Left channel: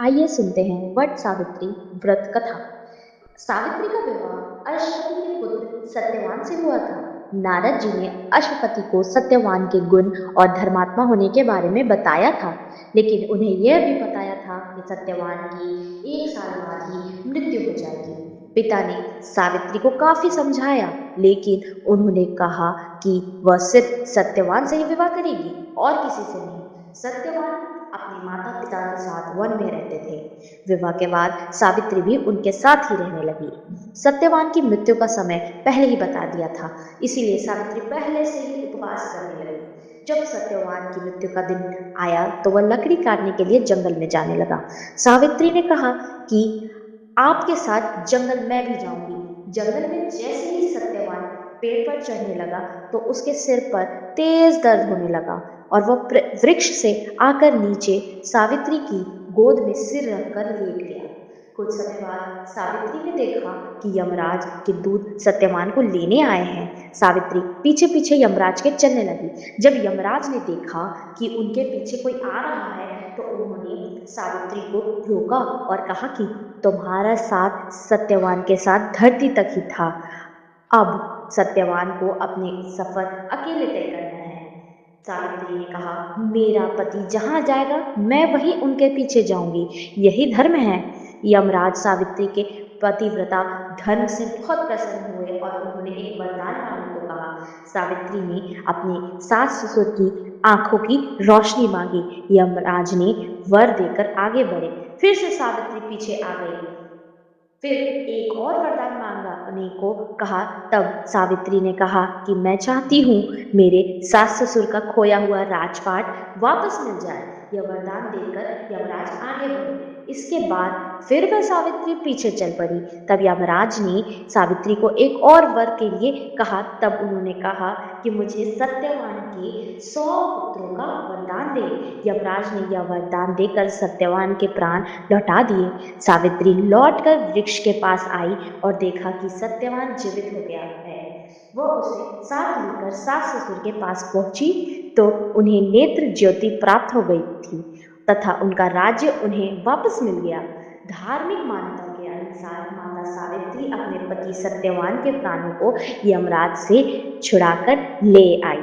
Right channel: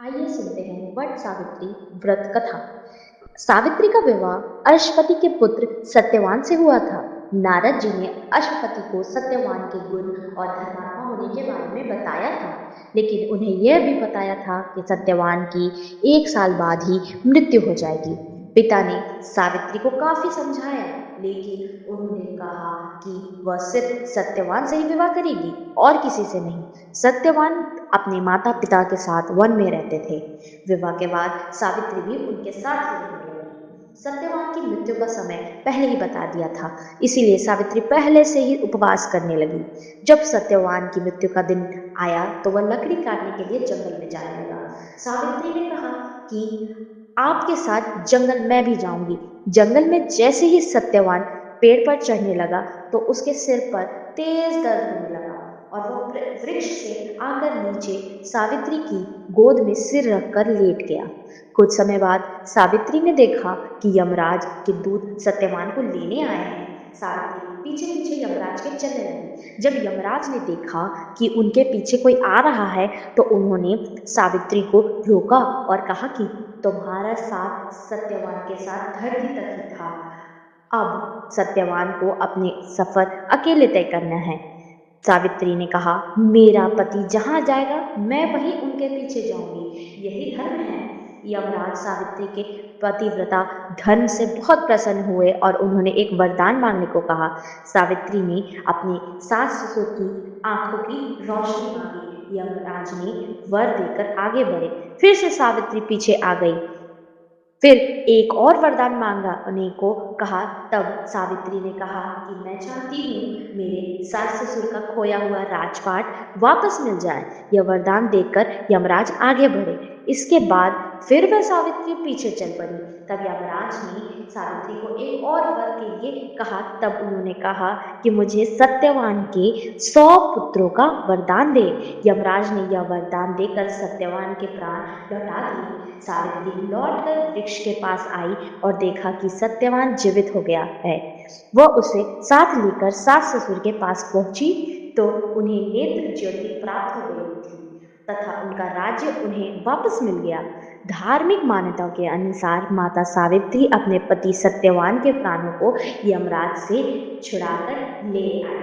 आइए सुनते हैं वट सावित्री व्रत कथा। सावित्री का विवाह अश्वपति के पुत्र सत्यवान से हुआ था। नारद जी ने अश्वपति को सत्यवान के गुण और धर्मात्मा होने के बारे में बताया था, लेकिन उन्हें यह भी बताया था कि सत्यवान की 1 साल बाद ही मृत्यु हो जाएगी। पिता ने सावित्री को काफी समझाया, लेकिन उन्होंने कहा कि वह सिर्फ सत्यवान से ही विवाह करेगी और किसी से नहीं। सत्यवान अपने माता पिता के साथ वन में रहते थे। विवाह के बाद सावित्री भी उनके साथ ही रहने लगी। सत्यवान की मृत्यु का समय पहले ही बता दिया था, इसीलिए सावित्री पहले से ही उपवास करने लगी। जब सत्यवान की मृत्यु का दिन आया तो वह लकड़ी काटने के लिए जंगल में जाने लगा। सावित्री ने कहा कि आपके साथ जंगल मैं भी जाऊंगी। जंगल में जैसे ही सत्यवान पेड़ पर चढ़ने लगा तो उसके सिर पर तेज दर्द होने लगा और वह वृक्ष से आकर नीचे सावित्री की गोद में सिर रखकर लेट गया। कुछ समय बाद सावित्री ने देखा कि यमराज के दूत सत्यवान को लेने आए हैं। सावित्री पीछे पीछे यमराज के चलने लगी। जब यमराज ने देखा कि उनके पीछे कोई आ रहा है तो उन्होंने सावित्री को रोका और कहा कि तुम्हारा साथ सत्यवान के साथ धरती तक ही था। अब सत्यवान को अपने सफर अकेले तय करना है। सावित्री ने कहा, मेरा पति जहां जाएगा मैं वहीं उनके पीछे जाऊंगी, यही धर्म है। यमराज सावित्री के पतिव्रता धर्म से बहुत प्रसन्न हुए और उन्होंने एक वरदान मांगने को कहा। सावित्री ने अपने सास ससुर की आंखों की रोशनी मांगी। यमराज ने वर देकर आगे बढ़े। फिर से सावित्री पीछे आ गई। फिर एक और वरदान मांगने को कहा। तब सावित्री ने कहा कि मैं चाहती हूँ मेरे सास ससुर का खोया हुआ राजपाट वापस मिल जाए। यह वरदान देकर यमराज आगे बढ़े। इसके बाद फिर वह सावित्री पीछे चल पड़ी। तब यमराज ने सावित्री को एक और वर के लिए कहा। तब उन्होंने कहा कि मुझे सत्यवान के 100 पुत्रों का वरदान दे। यमराज ने यह वरदान देकर सत्यवान के प्राण लौटा दिए। सावित्री लौटकर वृक्ष के पास आई और देखा कि सत्यवान जीवित हो गया है। वह उसे साथ लेकर सास ससुर के पास पहुंची तो उन्हें नेत्र ज्योति प्राप्त हो गई थी तथा उनका राज्य उन्हें वापस मिल गया। धार्मिक मान्यताओं के अनुसार माता सावित्री अपने पति सत्यवान के प्राणों को यमराज से छुड़ाकर ले आई।